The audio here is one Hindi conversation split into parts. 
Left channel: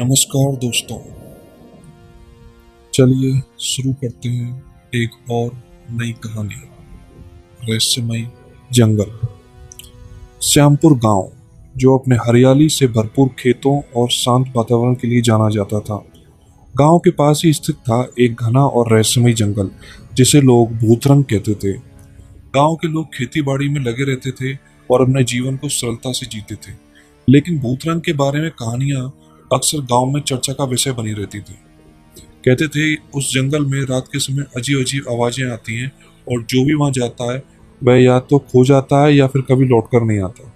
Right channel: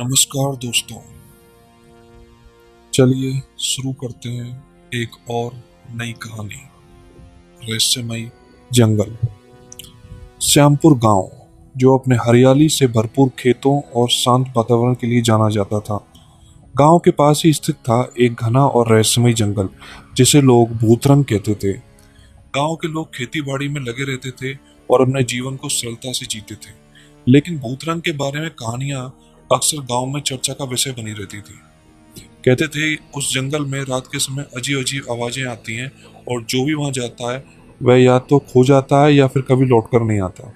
नमस्कार दोस्तों, चलिए शुरू करते हैं एक और नई कहानी। रहस्यमयी जंगल। श्यामपुर गांव, जो अपने हरियाली से भरपूर खेतों और शांत वातावरण के लिए जाना जाता था, गांव के पास ही स्थित था एक घना और रहस्यमयी जंगल जिसे लोग भूतरंग कहते थे। गांव के लोग खेती बाड़ी में लगे रहते थे और अपने जीवन को सरलता से जीते थे, लेकिन भूतरंग के बारे में कहानियां अक्सर गांव में चर्चा का विषय बनी रहती थी। कहते थे उस जंगल में रात के समय अजीब अजीब आवाजें आती हैं और जो भी वहां जाता है वह या तो खो जाता है या फिर कभी लौट कर नहीं आता।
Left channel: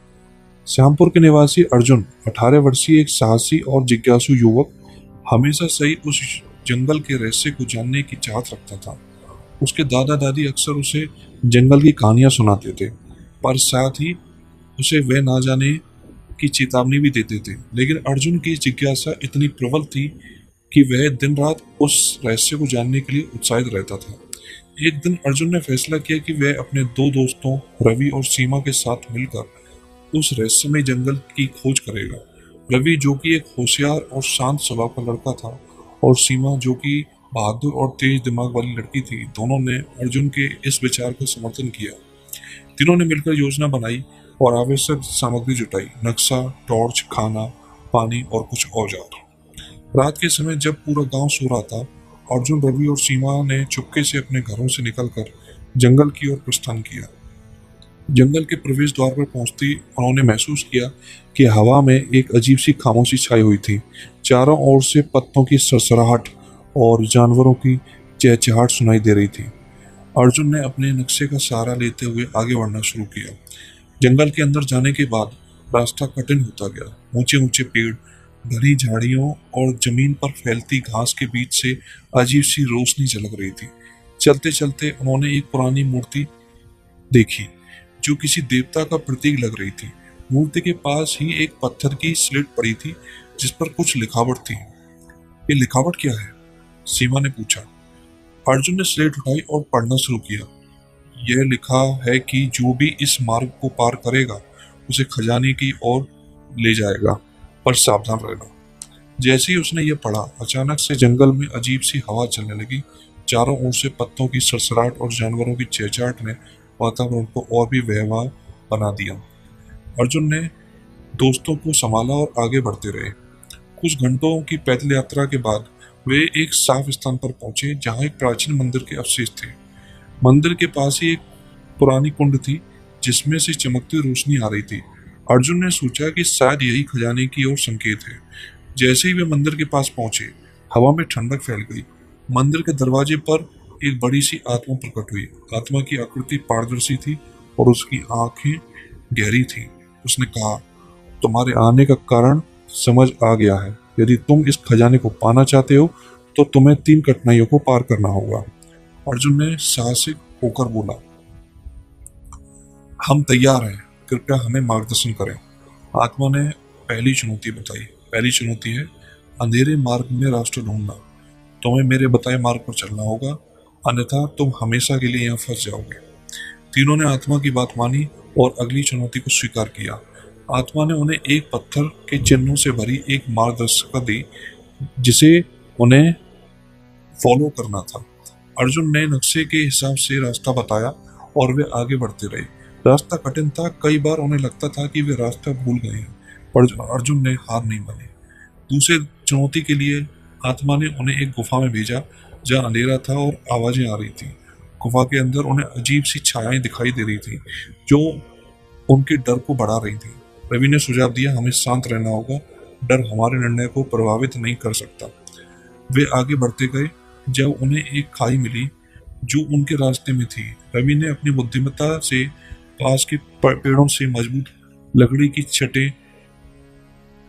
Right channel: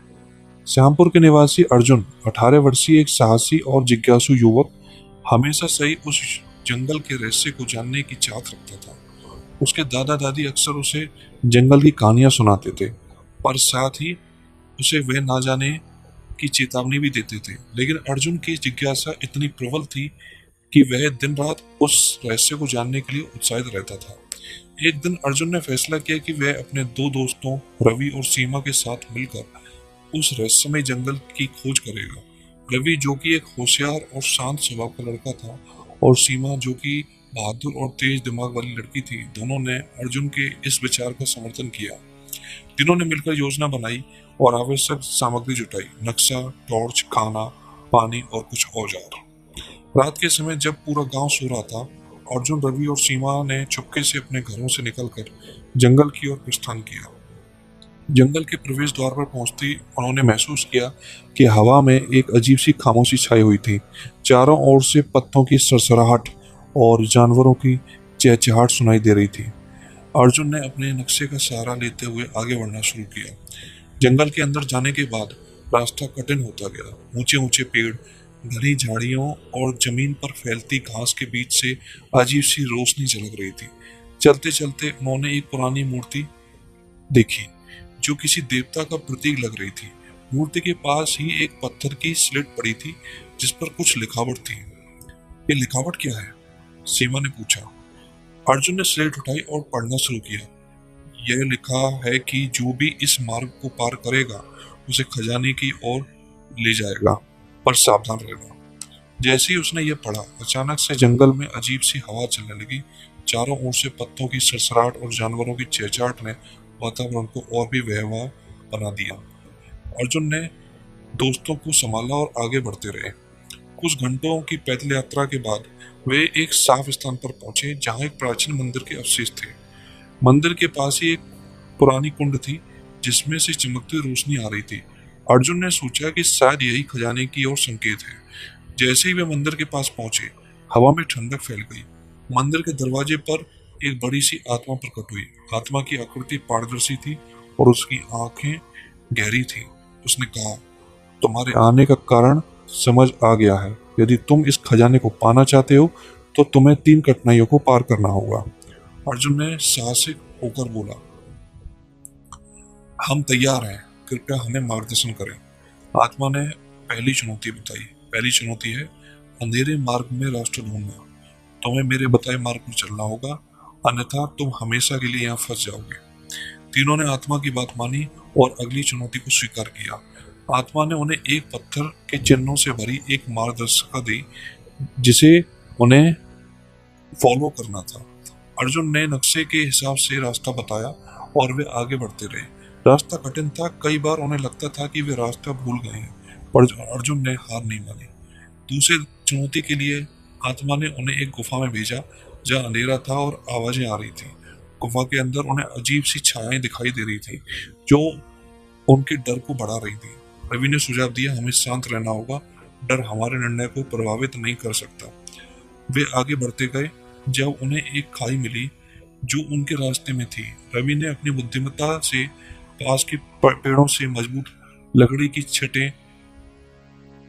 श्यामपुर के निवासी अर्जुन, 18 वर्षीय एक साहसी और जिज्ञासु युवक, हमेशा से ही उस जंगल के रहस्य को जानने की चाहत रखता था। उसके दादा दादी अक्सर उसे जंगल की कहानियां सुनाते थे, पर साथ ही उसे वह ना जाने की चेतावनी भी देते थे। लेकिन अर्जुन की जिज्ञासा इतनी प्रबल थी कि वह दिन रात उस रहस्य को जानने के लिए उत्साहित रहता था। एक दिन अर्जुन ने फैसला किया कि वह अपने दो दोस्तों रवि और सीमा के साथ मिलकर उस रहस्यमय जंगल की खोज करेगा। रवि, जो कि एक होशियार और शांत स्वभाव का लड़का था, और सीमा, जो कि बहादुर और तेज दिमाग वाली लड़की थी, दोनों ने अर्जुन के इस विचार का समर्थन किया। तीनों ने मिलकर योजना बनाई और आवश्यक सामग्री जुटाई: नक्शा, टॉर्च, खाना, पानी और कुछ औजार। रात के समय जब पूरा गांव सो रहा था, अर्जुन, रवि और सीमा ने चुपके से अपने घरों से निकलकर जंगल की ओर प्रस्थान किया। जंगल के प्रवेश द्वार पर पहुंचते ही उन्होंने महसूस किया कि हवा में एक अजीब सी खामोशी छाई हुई थी। चारों ओर से पत्तों की सरसराहट और जानवरों की चहचहाहट सुनाई दे रही थी। अर्जुन ने अपने नक्शे का सहारा लेते हुए आगे बढ़ना शुरू किया। जंगल के अंदर जाने के बाद रास्ता कठिन होता गया। ऊंचे ऊंचे पेड़, घनी झाड़ियों और जमीन पर फैलती घास के बीच से अजीब सी रोशनी झलक रही थी। चलते चलते उन्होंने एक पुरानी मूर्ति देखी जो किसी देवता का प्रतीक लग रही थी। मूर्ति के पास ही एक पत्थर की स्लेट पड़ी थी जिस पर कुछ लिखावट थी। ये लिखावट क्या है? सीमा ने पूछा। अर्जुन ने स्लेट उठाई और पढ़ना शुरू किया। यह लिखा है कि जो भी इस मार्ग को पार करेगा उसे खजाने की ओर ले जाएगा, पर सावधान रहना। जैसे ही उसने यह पढ़ा, अचानक से जंगल में अजीब सी हवा चलने लगी। चारों ओर से पत्तों की सरसराहट और जानवरों की चहचहाहट ने वातावरण को और भी व्यवहार बना दिया। अर्जुन ने दोस्तों को संभाला और आगे बढ़ते रहे। कुछ घंटों की पैदल यात्रा के बाद वे एक साफ स्थान पर पहुंचे जहां एक प्राचीन मंदिर के अवशेष थे। मंदिर के पास ही एक पुरानी कुंड थी जिसमें से चमकती रोशनी आ रही थी। अर्जुन ने सोचा कि शायद यही खजाने की ओर संकेत है। जैसे ही वे मंदिर के पास पहुंचे, हवा में ठंडक फैल गई। मंदिर के दरवाजे पर एक बड़ी सी आत्मा प्रकट हुई। आत्मा की आकृति पारदर्शी थी और उसकी आंखें गहरी थी। उसने कहा, तुम्हारे आने का कारण समझ आ गया है। यदि तुम इस खजाने को पाना चाहते हो तो तुम्हें 3 कठिनाइयों को पार करना होगा। अर्जुन ने साहसिक होकर बोला, हम तैयार हैं, कृपया हमें मार्गदर्शन करें। आत्मा ने पहली चुनौती बताई। पहली चुनौती है अंधेरे मार्ग में रास्ता ढूंढना। तुम्हें मेरे बताए मार्ग पर चलना होगा, अन्यथा तुम हमेशा के लिए यहाँ फंस जाओगे। तीनों ने आत्मा की बात मानी और अगली चुनौती को स्वीकार किया। आत्मा ने उन्हें एक पत्थर के चिन्हों से भरी एक मार्गदर्शिका दी जिसे उन्हें फॉलो करना था। अर्जुन ने नक्शे के हिसाब से रास्ता बताया और वे आगे बढ़ते रहे। रास्ता कठिन था, कई बार उन्हें लगता था कि वे रास्ता भूल गए हैं, पर अर्जुन ने हार नहीं मानी। दूसरी चुनौती के लिए आत्मा ने उन्हें एक गुफा में भेजा जहाँ अंधेरा था और आवाजें आ रही थी। गुफा के अंदर उन्हें अजीब सी छायाएं दिखाई दे रही थी जो उनके डर को बढ़ा रही थी। रवि ने सुझाव दिया, हमें शांत रहना होगा, डर हमारे निर्णय को प्रभावित नहीं कर सकता। वे आगे बढ़ते गए जब उन्हें एक खाई मिली जो उनके रास्ते में थी। रवि ने अपनी बुद्धिमत्ता से पास के पेड़ों से मजबूत लकड़ी की छटें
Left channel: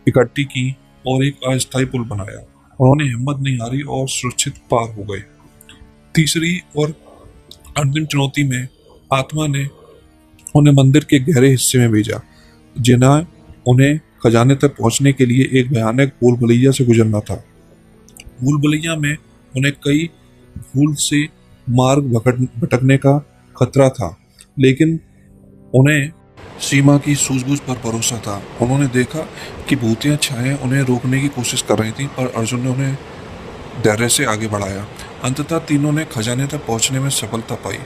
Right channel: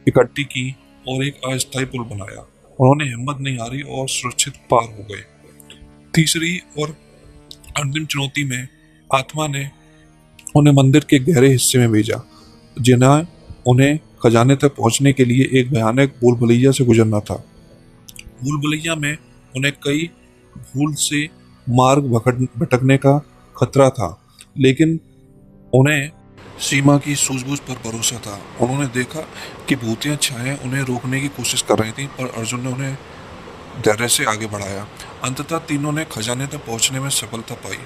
इकट्ठी की और एक अस्थायी पुल बनाया। उन्होंने हिम्मत नहीं हारी और सुरक्षित पार हो गए। तीसरी और अंतिम चुनौती में आत्मा ने उन्हें मंदिर के गहरे हिस्से में भेजा, जिन्हें उन्हें खजाने तक पहुंचने के लिए एक भयानक भूल भुलैया से गुजरना था। भूल भुलैया में उन्हें कई भूल से मार्ग भटकने का खतरा था, लेकिन उन्हें सीमा की सूझबूझ पर भरोसा था। उन्होंने देखा कि भूतिया छायाएं उन्हें रोकने की कोशिश कर रही थी, पर अर्जुन ने उन्हें धैर्य से आगे बढ़ाया। अंततः तीनों ने खजाने तक पहुंचने में सफलता पाई।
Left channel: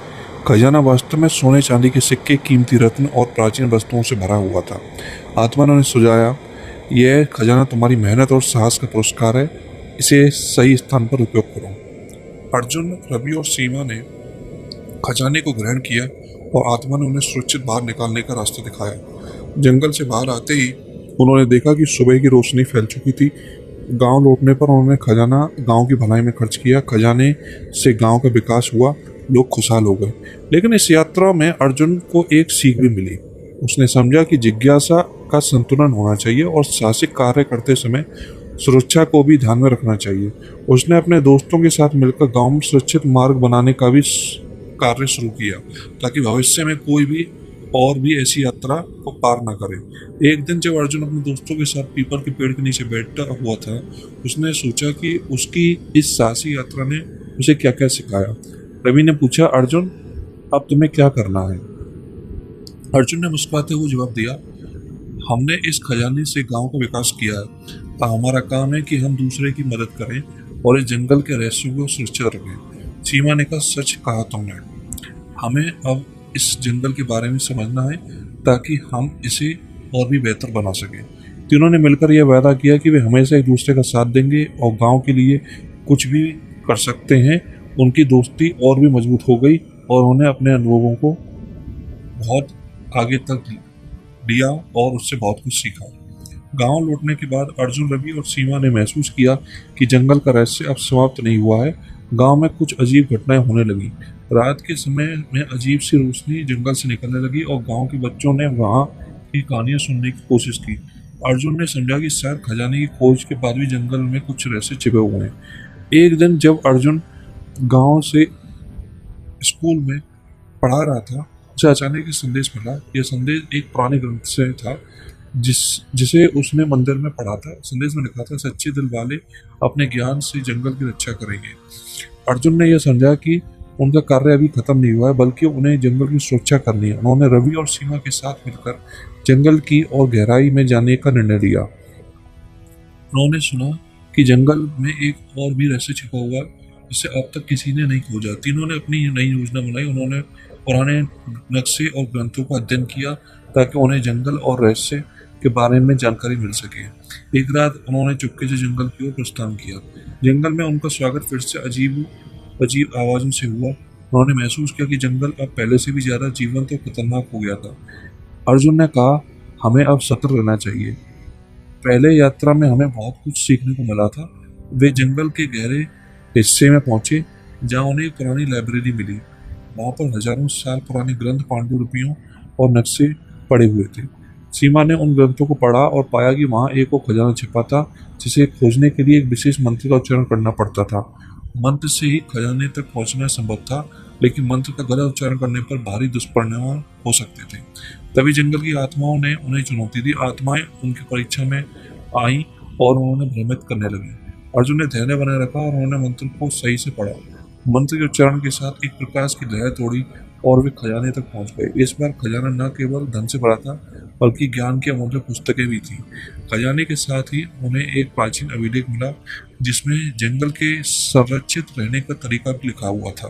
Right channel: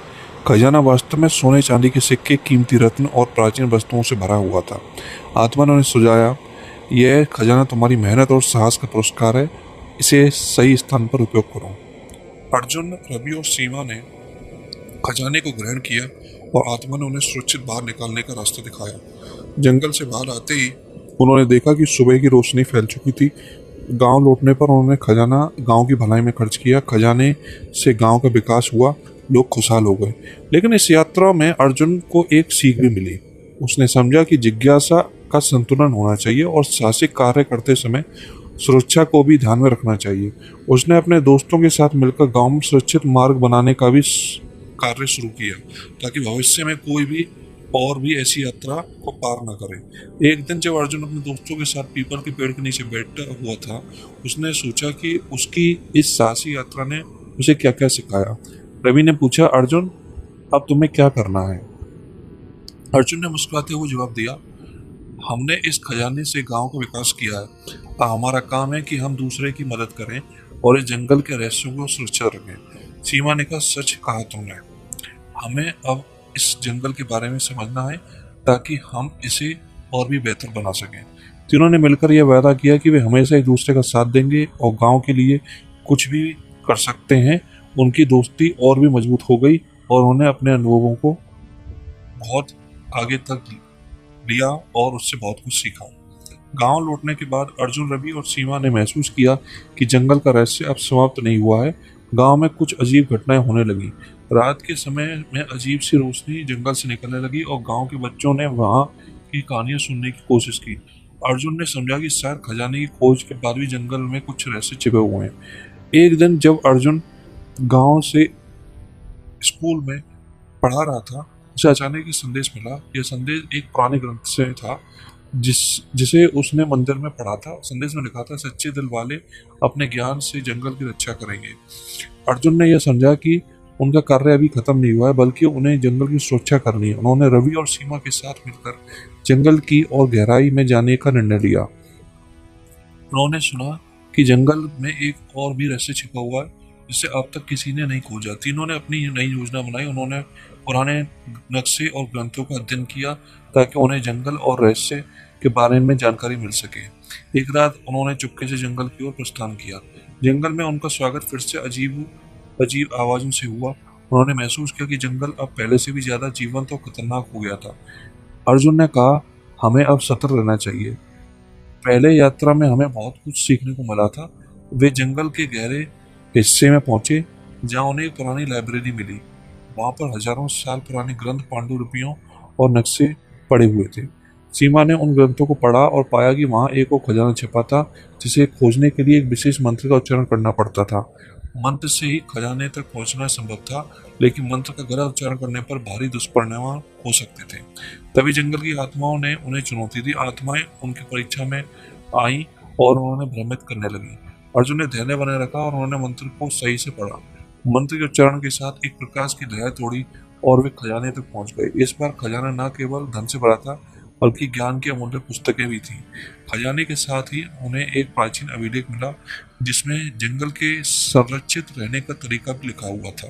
खजाना वास्तव में सोने चांदी के सिक्के, कीमती रत्न और प्राचीन वस्तुओं से भरा हुआ था। आत्मा ने उन्हें सुझाया, यह खजाना तुम्हारी मेहनत और साहस का पुरस्कार है, इसे सही स्थान पर उपयोग करो। अर्जुन, रवि और सीमा ने खजाने को ग्रहण किया और आत्मा ने उन्हें सुरक्षित बाहर निकालने का रास्ता दिखाया। जंगल से बाहर आते ही उन्होंने देखा कि सुबह की रोशनी फैल चुकी थी। गांव लौटने पर उन्होंने खजाना गांव की भलाई में खर्च किया। खजाने से गांव का विकास हुआ, लोग खुशहाल हो गए। लेकिन इस यात्रा में अर्जुन को एक सीख भी मिली। उसने समझा कि जिज्ञासा का संतुलन होना चाहिए और साहसिक कार्य करते समय सुरक्षा को भी ध्यान में रखना चाहिए। उसने अपने दोस्तों के साथ मिलकर गांव में सुरक्षित मार्ग बनाने का भी कार्य शुरू किया, ताकि भविष्य में कोई भी और भी ऐसी यात्रा को पार न करे। एक दिन जब अर्जुन अपने दोस्तों के साथ पीपल के पेड़ के नीचे बैठा हुआ था, उसने सोचा कि उसकी इस साहसी यात्रा ने उसे क्या क्या सिखाया। रवि ने पूछा, अर्जुन, अब तुम्हें क्या करना है? अर्जुन ने मुस्कुराते हुए जवाब दिया, हमने इस खजाने से गांव का विकास किया है। अब हमारा काम है कि हम दूसरे की मदद करें और इस जंगल के रहस्यों को सुरक्षित रखें। सीमा ने कहा, सच कहा तुमने। हमें अब इस जंगल के बारे में समझना है ताकि हम इसे और भी बेहतर बना सकें। तीनों ने मिलकर यह वादा किया कि वे हमेशा एक दूसरे का साथ देंगे और गांव के लिए कुछ भी कर सकते हैं। उनकी दोस्ती और भी मजबूत हो गई और उन्हें अपने अनुभवों को बहुत आगे तक लिया और उससे बहुत कुछ सीखा। गांव लौटने के बाद अर्जुन, रवि और सीमा ने महसूस किया कि जंगल का रहस्य अब समाप्त नहीं हुआ है। गांव में कुछ अजीब घटनाएं होने लगी। रात के समय में अजीब सी रोशनी जंगल से निकलने लगी और गांव के बच्चों ने वहां की कहानियां सुनने की कोशिश की। अर्जुन ने समझा कि शायद खजाने की खोज के बाद भी जंगल में कुछ रहस्य छिपे हुए हैं। एक दिन जब अर्जुन गांव से स्कूल में पढ़ा रहा था, उसे अचानक एक संदेश मिला। यह संदेश एक पुराने ग्रंथ से था जिसे उसने मंदिर में पढ़ा था। संदेश में लिखा था, सच्चे दिल वाले अपने ज्ञान से जंगल की रक्षा करेंगे। अर्जुन ने यह समझा कि उनका कार्य अभी खत्म नहीं हुआ है, बल्कि उन्हें जंगल की सुरक्षा करनी है। उन्होंने रवि और सीमा के साथ मिलकर जंगल की और गहराई में जाने का निर्णय लिया। उन्होंने सुना कि जंगल में एक और भी रहस्य छिपा हुआ है जिसे अब तक किसी ने नहीं खोजा। तीनों ने अपनी नई योजना बनाई। उन्होंने पुराने नक्शे और ग्रंथों का अध्ययन किया ताकि उन्हें जंगल और रहस्य के बारे में जानकारी मिल सके। एक रात उन्होंने चुपके से जंगल की ओर प्रस्थान किया। जंगल में उनका स्वागत फिर से अजीब अजीब आवाजों से हुआ। उन्होंने महसूस किया कि जंगल अब पहले से भी ज्यादा जीवंत और खतरनाक हो गया था। अर्जुन ने कहा, हमें अब सतर्क रहना चाहिए। पहले यात्रा में हमें बहुत कुछ सीखने को मिला था। वे जंगल के गहरे हिस्से में पहुंचे जहां उन्हें एक पुरानी लाइब्रेरी मिली। वहां पर हजारों साल पुराने ग्रंथ, पांडुलिपियों और नक्शे पड़े हुए थे। सीमा ने उन ग्रंथों को पढ़ा और पाया कि वहां एक और खजाना छिपा था जिसे खोजने के लिए एक विशेष मंत्र का उच्चारण करना पड़ता था। मंत्र से ही खजाने तक पहुंचना संभव था, लेकिन मंत्र का गलत उच्चारण करने पर भारी दुष्परिणाम हो सकते थे। तभी जंगल की आत्माओं ने उन्हें चुनौती दी। आत्माएं उनकी परीक्षा में आई और उन्होंने भ्रमित करने लगी। अर्जुन ने धैर्य बनाए रखा और उन्होंने मंत्र को सही से पढ़ा। मंत्र के उच्चारण के साथ एक प्रकाश की लहर तोड़ी और वे खजाने तक पहुंच गए। इस बार खजाना न केवल धन से भरा था, बल्कि ज्ञान की अमूल्य पुस्तकें भी थी। खजाने के साथ ही उन्हें एक प्राचीन अभिलेख मिला जिसमें जंगल के संरक्षित रहने का तरीका भी लिखा हुआ था।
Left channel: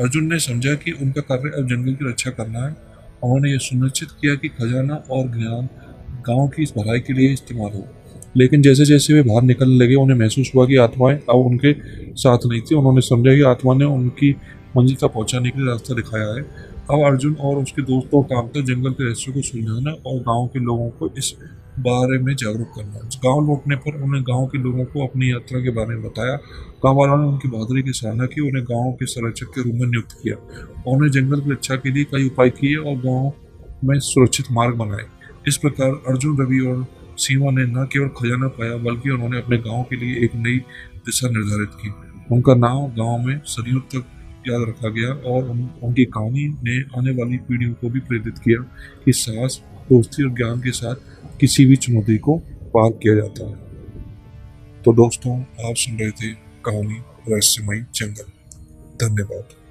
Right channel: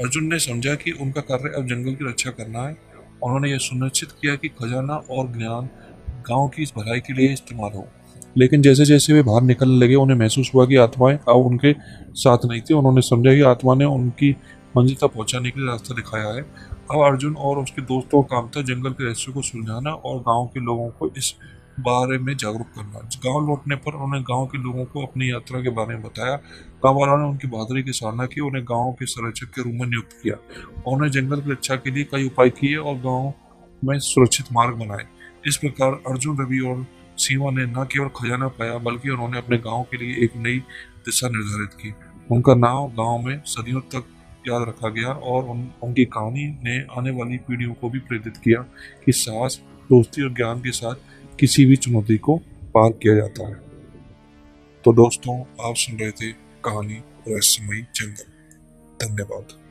अर्जुन ने समझा कि उनका कार्य अब जंगल की रक्षा करना है। उन्होंने यह सुनिश्चित किया कि खजाना और ज्ञान गांव की इस भलाई के लिए इस्तेमाल हो। लेकिन जैसे जैसे वे बाहर निकलने लगे, उन्हें महसूस हुआ कि आत्माएं अब उनके साथ नहीं थी। उन्होंने समझा कि आत्मा ने उनकी मंजिल तक पहुंचाने के लिए रास्ता दिखाया है। अब अर्जुन और उसके दोस्तों का काम था जंगल के रहस्यों को सुलझाना और गांव के लोगों को इस बारे में जागरूक करना। गांव लौटने पर उन्होंने गांव के लोगों को अपनी यात्रा के बारे में बताया। गांव वालों ने उनकी बहादुरी की सराहना की, उन्हें गांव के संरक्षक के रूप में नियुक्त किया। उन्होंने जंगल की रक्षा के लिए कई उपाय किए और गांव में सुरक्षित मार्ग बनाए। इस प्रकार अर्जुन, रवि और सीमा ने न केवल खजाना पाया, बल्कि उन्होंने अपने गांव के लिए एक नई दिशा निर्धारित की। उनका नाम गांव में सदियों तक याद रखा गया और उनकी कहानी ने आने वाली पीढ़ियों को भी प्रेरित किया कि साहस, दोस्ती और ज्ञान के साथ किसी भी चुनौती को पार किया जाता है। तो दोस्तों, आप सुन रहे थे कहानी रहस्यमयी जंगल। धन्यवाद।